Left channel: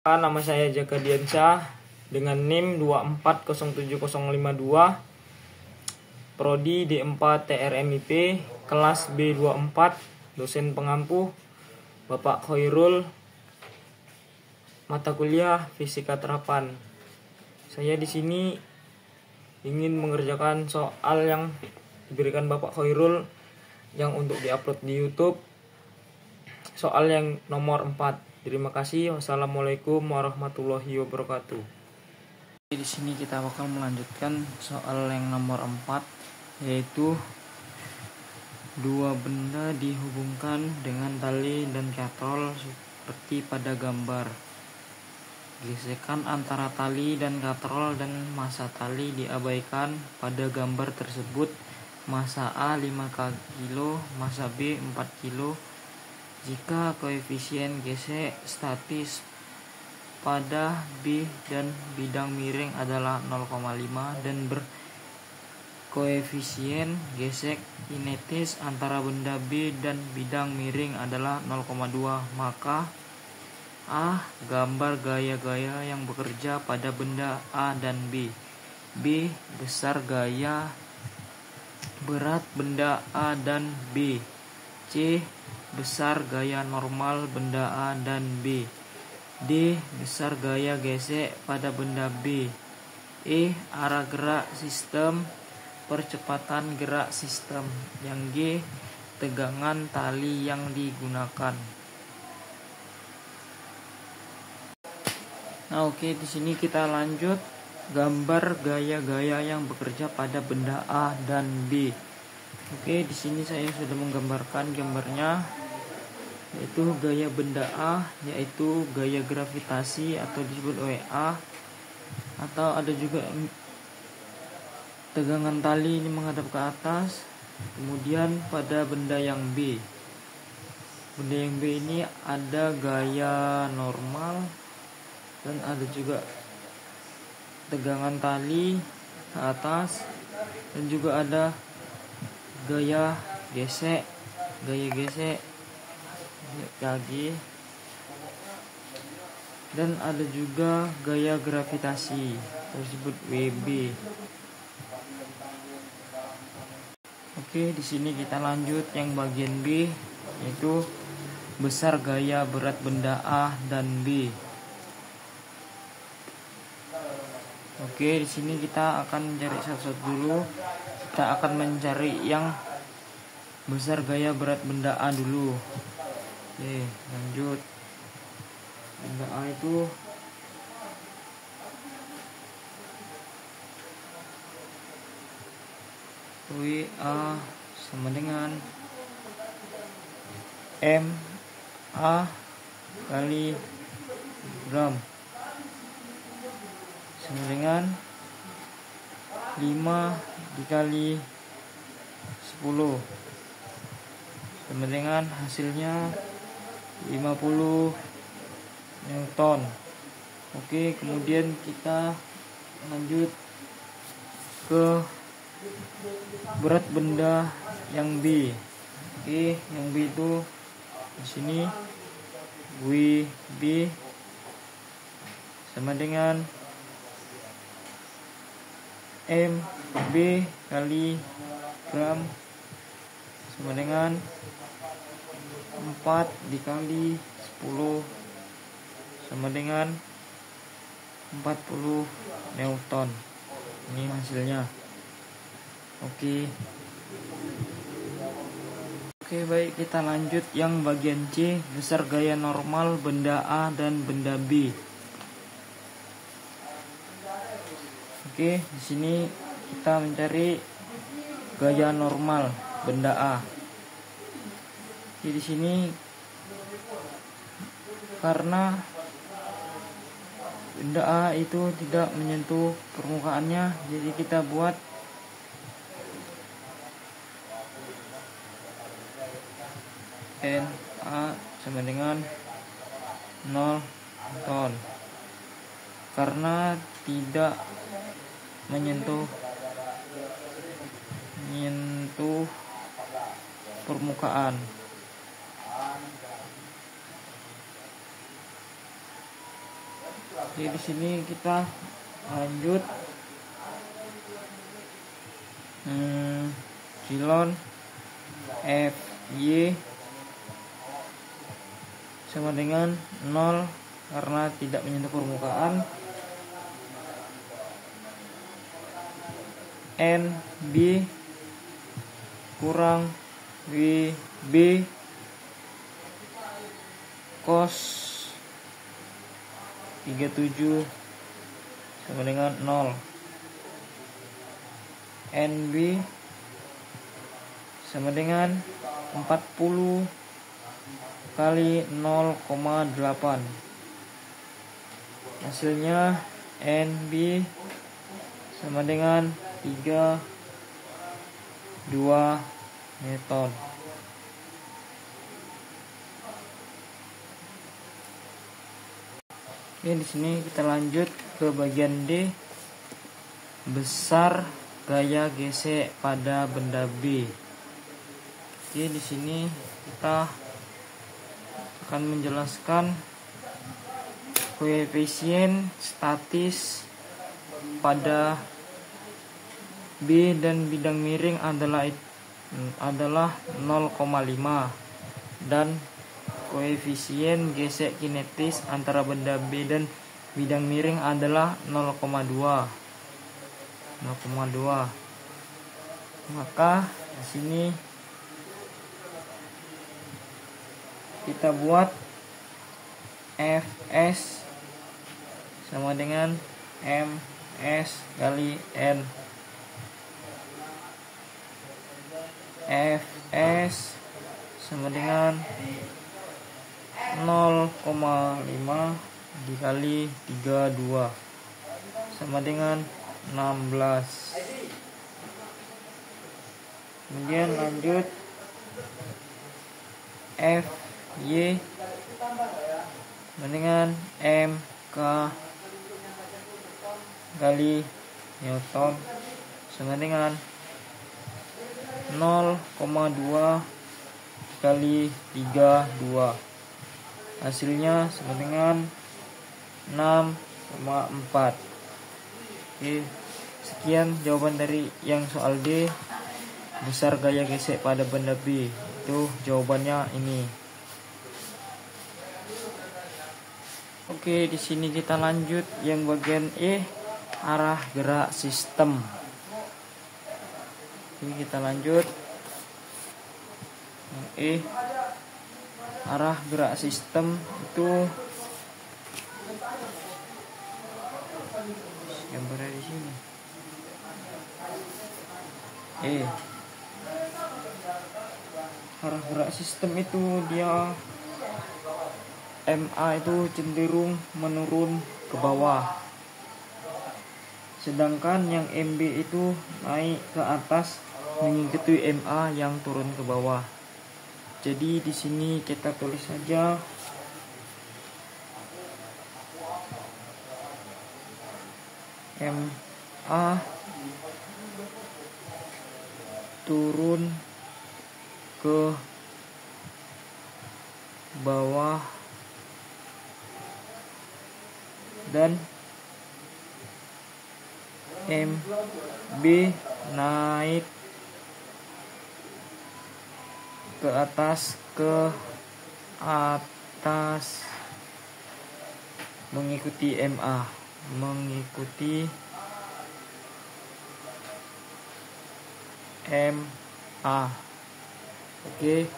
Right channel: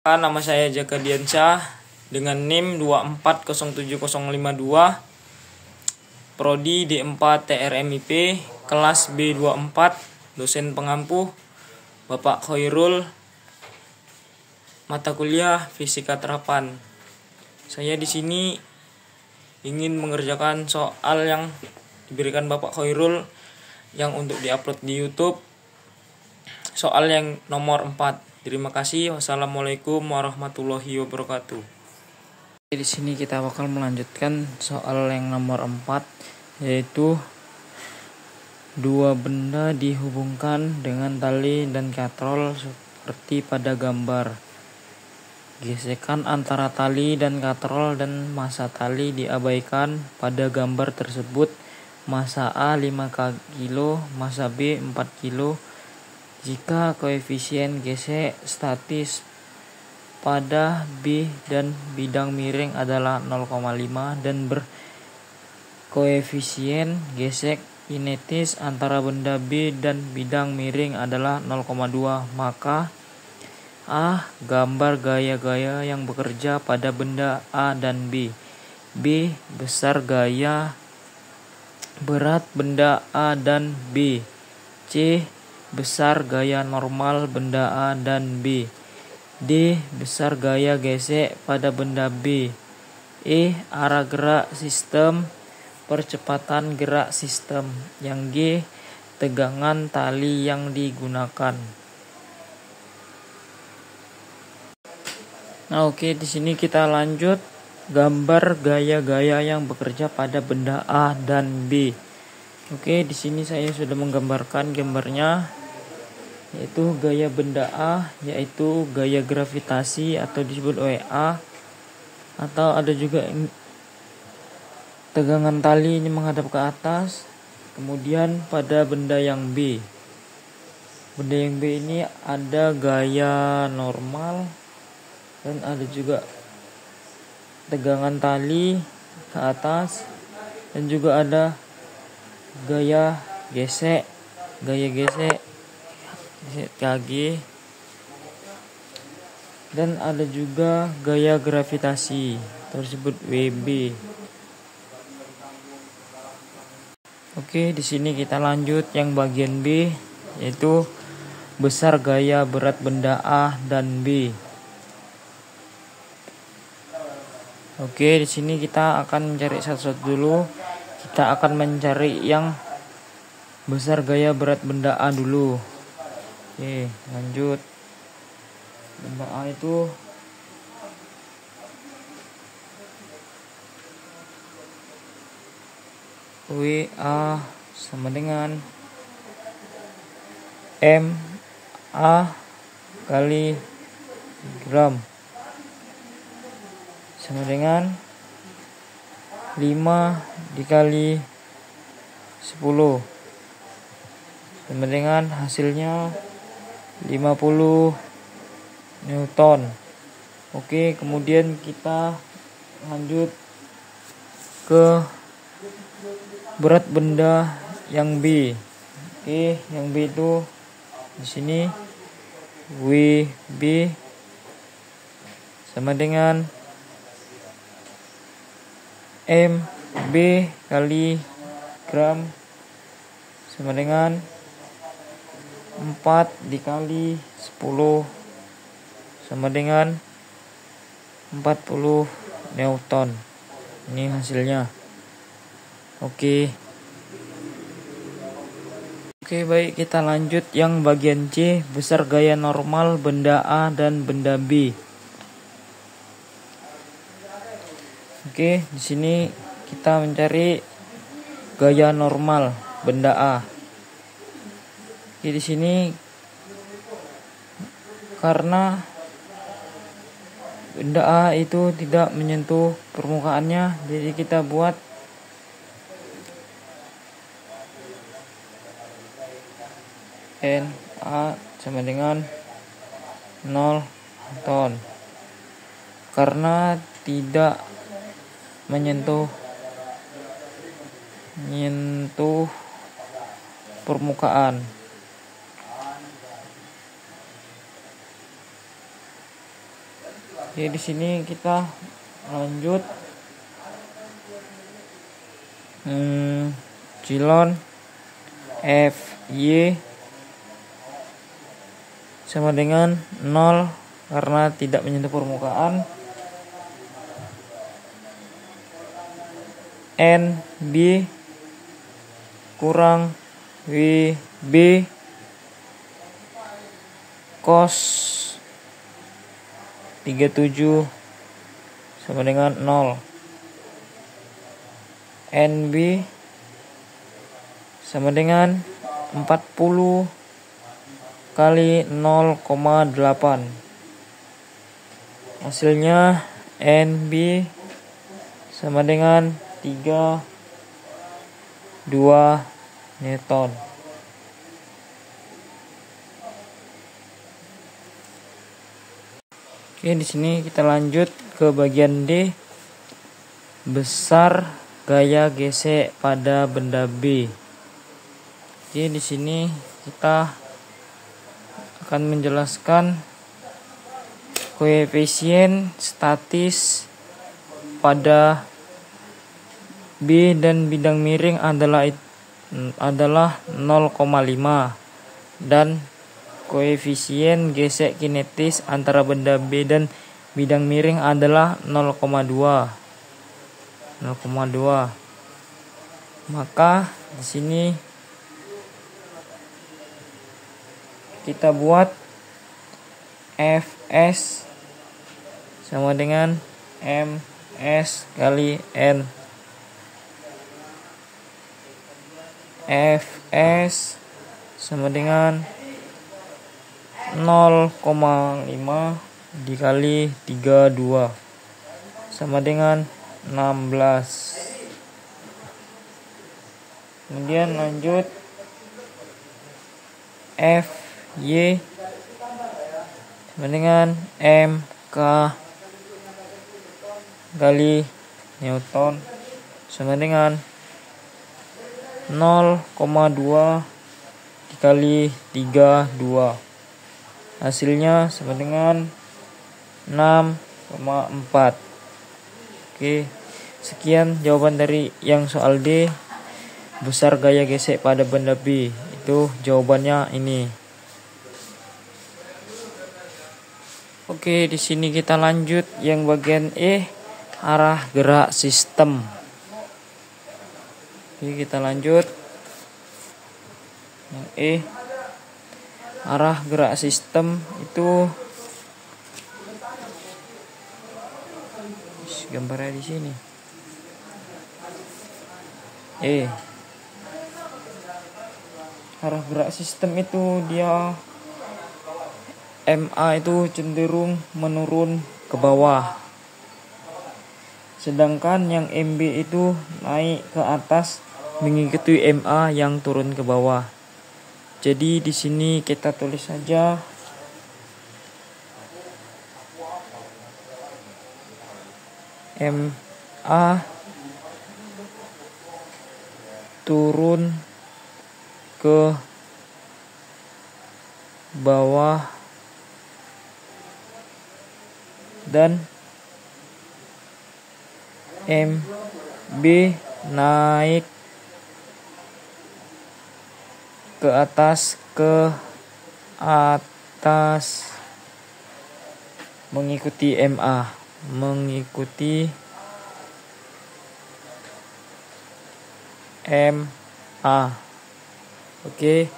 Nama saya Jaka Diansyah dengan NIM 2407052, Prodi D4 TRMIP, kelas B24, dosen pengampu Bapak Khairul, mata kuliah Fisika Terapan. Saya di sini ingin mengerjakan soal yang diberikan Bapak Khairul yang untuk diupload di YouTube. Soal yang nomor 4. Terima kasih. Wassalamualaikum warahmatullahi wabarakatuh. Di sini kita bakal melanjutkan soal yang nomor 4, yaitu dua benda dihubungkan dengan tali dan katrol seperti pada gambar. Gesekan antara tali dan katrol dan massa tali diabaikan pada gambar tersebut. Massa A 5 kg, massa B 4 kg. Jika koefisien gesek statis pada B dan bidang miring adalah 0,5 dan berkoefisien gesek kinetis antara benda B dan bidang miring adalah 0,2, maka A. Gambar gaya-gaya yang bekerja pada benda A dan B. B. Besar gaya berat benda A dan B. C. Besar gaya normal benda A dan B. D. Besar gaya gesek pada benda B. E. Arah gerak sistem, percepatan gerak sistem. Yang G. Tegangan tali yang digunakan. Nah, oke, di sini kita lanjut gambar gaya-gaya yang bekerja pada benda A dan B. Oke, di sini saya sudah menggambarkan gambarnya, yaitu gaya benda A, yaitu gaya gravitasi atau disebut WA, atau ada juga tegangan tali ini menghadap ke atas. Kemudian pada benda yang B, benda yang B ini ada gaya normal dan ada juga tegangan tali ke atas, dan juga ada gaya gesek kaki, dan ada juga gaya gravitasi tersebut WB. Oke, di sini kita lanjut yang bagian B, yaitu besar gaya berat benda A dan B. Oke, di sini kita akan mencari satu-satu dulu. Kita akan mencari yang besar gaya berat benda A dulu. Oke, lanjut. Benda A itu WA sama dengan MA kali gram sama dengan 5 dikali 10 sama dengan hasilnya 50 Newton. Oke, kemudian kita lanjut ke berat benda yang B. Oke, yang B itu di sini WB sama dengan MB kali gram sama dengan 4 dikali 10 sama dengan 40 Newton. Ini hasilnya. Oke, baik, kita lanjut yang bagian C, besar gaya normal benda A dan benda B. Oke, di sini kita mencari gaya normal benda A. Jadi di sini karena benda A itu tidak menyentuh permukaannya, jadi kita buat NA sama dengan 0 ton karena tidak menyentuh permukaan. Oke, di sini kita lanjut cilon FY sama dengan 0 karena tidak menyentuh permukaan. NB kurang WB cos 37 sama dengan 0. NB sama dengan 40 kali 0,8. Hasilnya NB sama dengan 32 Newton. Oke, di sini kita lanjut ke bagian D. Besar gaya gesek pada benda B. Oke, di sini kita akan menjelaskan koefisien statis pada B dan bidang miring adalah 0,5 dan koefisien gesek kinetis antara benda B dan bidang miring adalah 0,2. Maka di sini kita buat Fs sama dengan Ms kali N. Fs sama dengan 0,5 dikali 32 sama dengan 16. Kemudian lanjut Fy sama dengan Mk kali Newton sama dengan 0,2 dikali 32. Hasilnya sama dengan 6,4. Oke, sekian jawaban dari yang soal D. Besar gaya gesek pada benda B. Itu jawabannya ini. Oke, di sini kita lanjut yang bagian E, arah gerak sistem. Oke, kita lanjut yang E, arah gerak sistem itu gambarnya di sini. Arah gerak sistem itu dia MA itu cenderung menurun ke bawah, sedangkan yang MB itu naik ke atas mengikuti MA yang turun ke bawah. Jadi di sini kita tulis saja MA turun ke bawah dan MB naik ke atas mengikuti MA, Oke,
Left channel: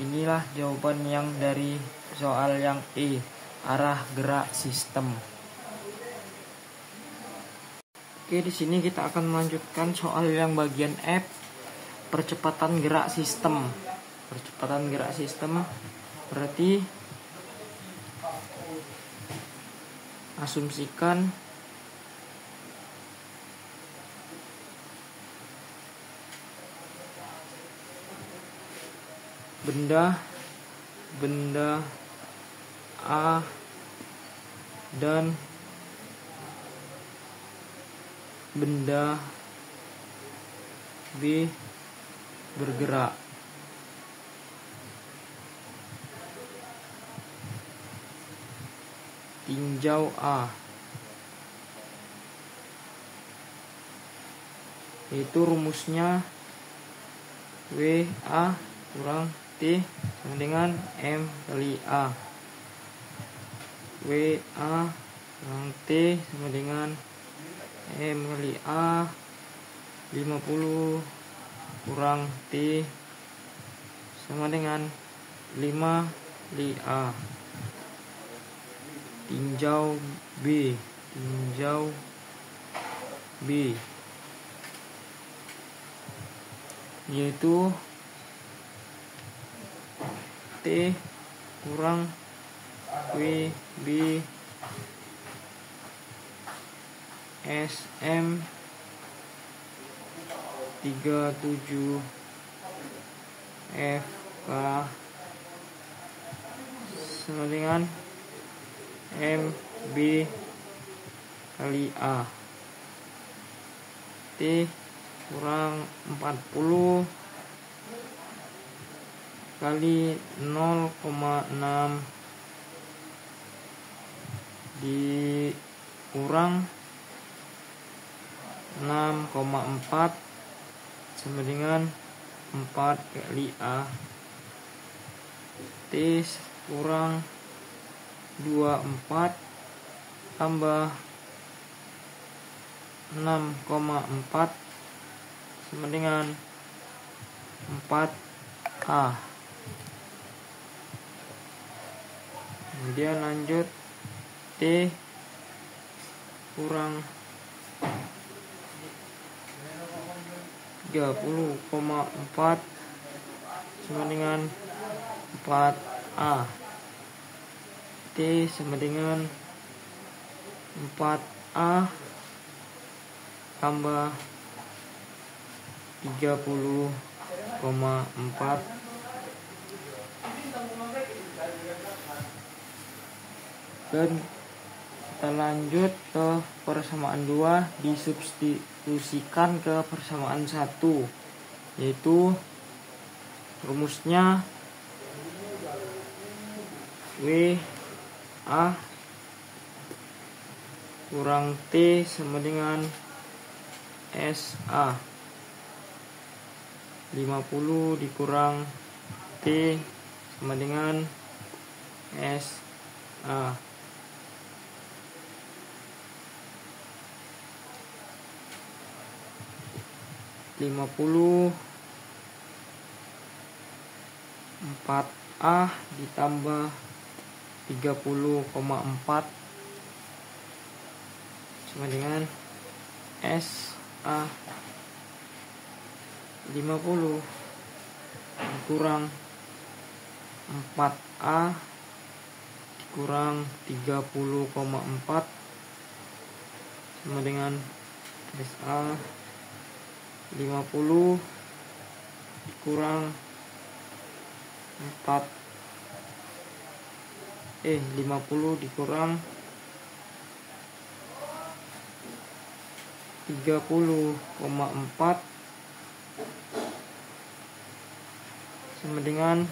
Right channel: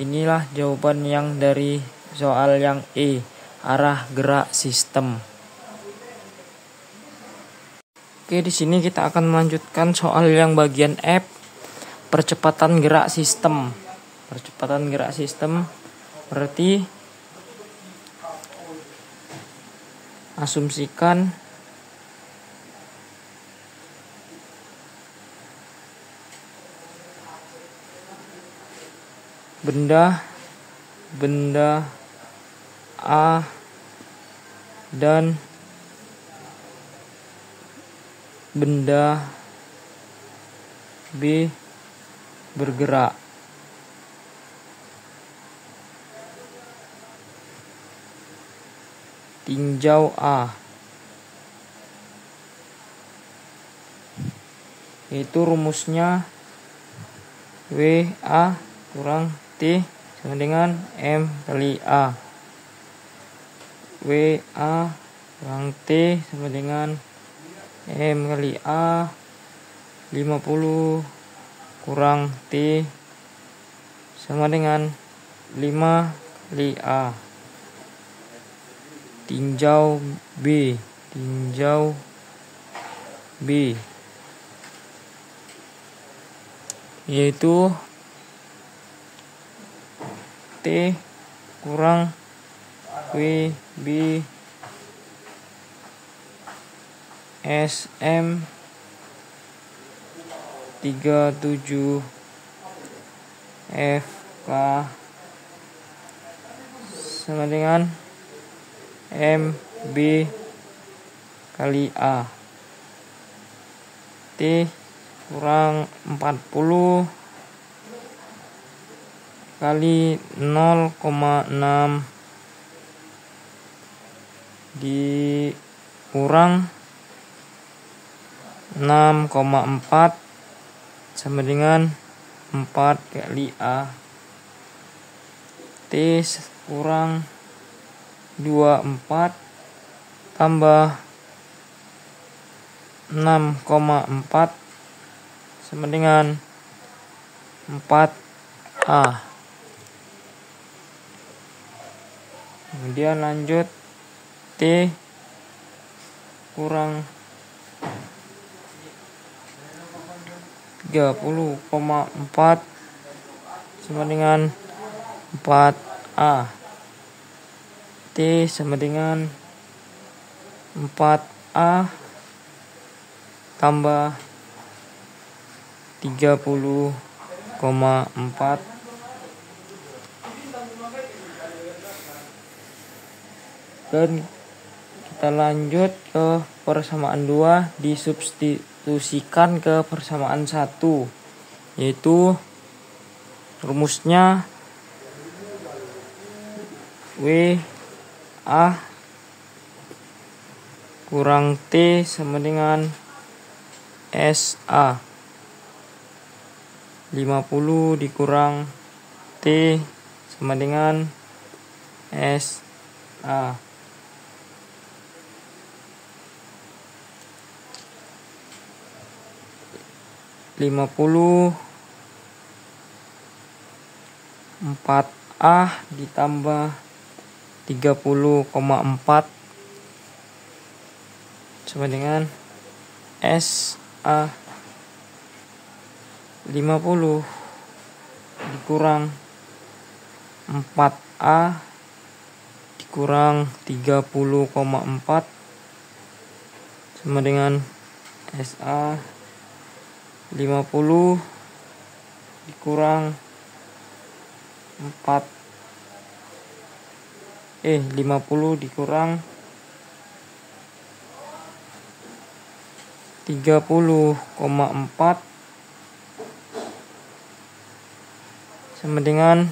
inilah jawaban yang dari soal yang E, arah gerak sistem. Oke, di sini kita akan melanjutkan soal yang bagian F, percepatan gerak sistem. Percepatan gerak sistem berarti asumsikan benda A dan benda B bergerak. tinjau A, yaitu rumusnya WA kurang T sama dengan M kali A. WA kurang T sama dengan M kali A. 50 kurang T sama dengan 5 kali A. Tinjau B, yaitu T kurang WB SM 37 FK sama dengan MB kali A. T kurang 40 kali 0,6 dikurang 6,4 sama dengan 4 kali A. T kurang 24 tambah 6,4 sama dengan 4A. Kemudian lanjut T kurang 30,4 sama dengan 4A. T sama dengan 4A tambah 30,4 dan kita lanjut ke persamaan 2, disubstitusikan ke persamaan 1, yaitu rumusnya WA kurang T sama dengan SA. 50 dikurang T sama dengan SA. Lima puluh 4A ditambah 30,4 sama dengan SA. 50 dikurang 4A dikurang 30,4 sama dengan SA. 50 dikurang 50 dikurang 30,4 sama dengan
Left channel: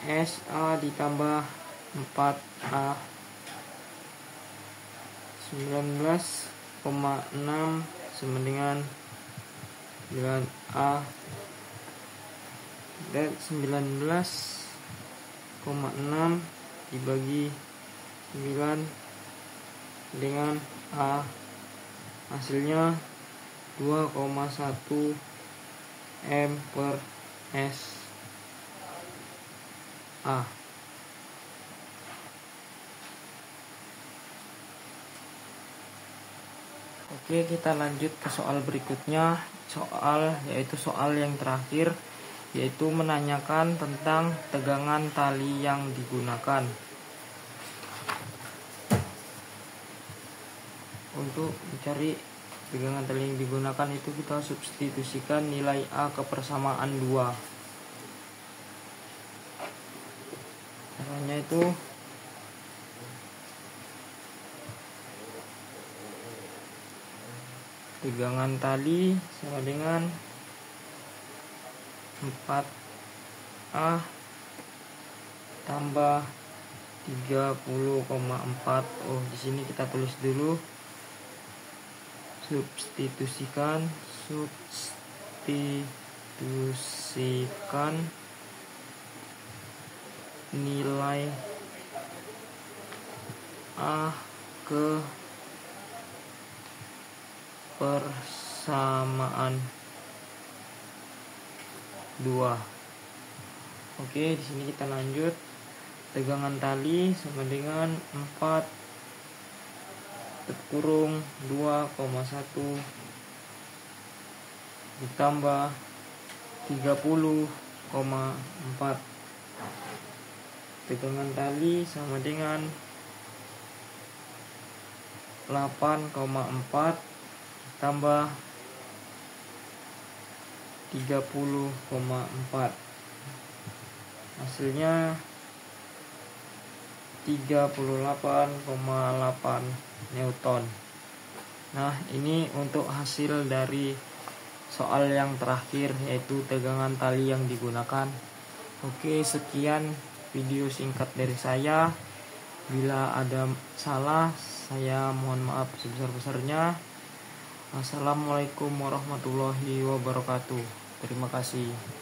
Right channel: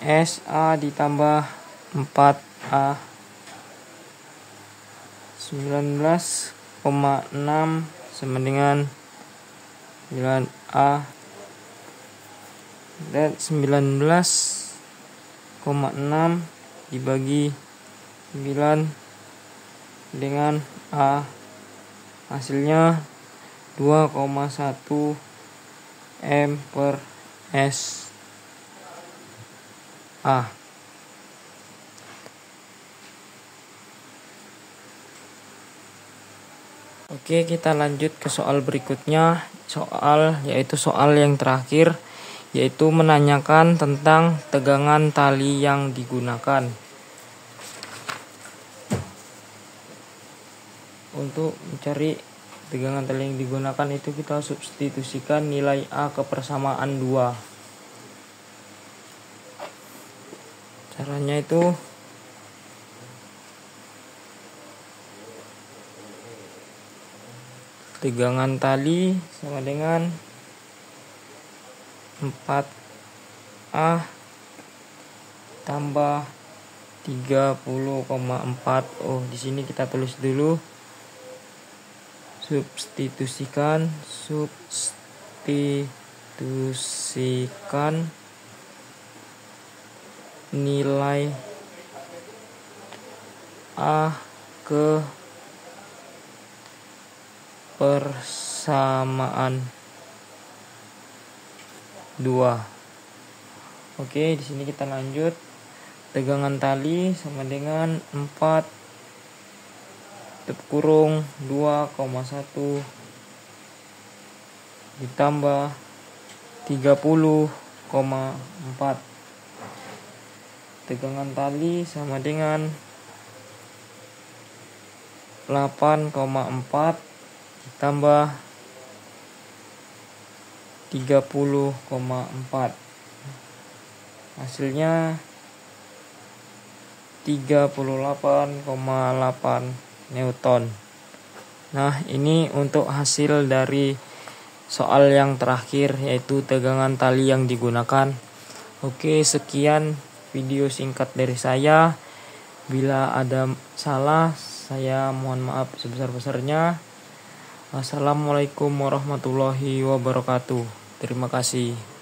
SA ditambah 4A. 19,6 sama dengan 9A, dan 19,6 dibagi 9 dengan A, hasilnya 2,1 M per S A. Oke, kita lanjut ke soal berikutnya, yaitu soal yang terakhir, yaitu menanyakan tentang tegangan tali yang digunakan. Untuk mencari tegangan tali yang digunakan itu kita substitusikan nilai A ke persamaan 2. Caranya itu tegangan tali sama dengan 4A tambah 30,4. Oh, di sini kita tulis dulu. Substitusikan nilai A ke persamaan 2. Oke, di sini kita lanjut. Tegangan tali sama dengan 4 kurung 2,1 ditambah 30,4. Tegangan tali sama dengan 8,4 ditambah 30,4. Hasilnya 38,8 Newton. Nah, ini untuk hasil dari soal yang terakhir, yaitu tegangan tali yang digunakan. Oke, sekian video singkat dari saya. Bila ada salah, saya mohon maaf sebesar-besarnya. Assalamualaikum warahmatullahi wabarakatuh. Terima kasih.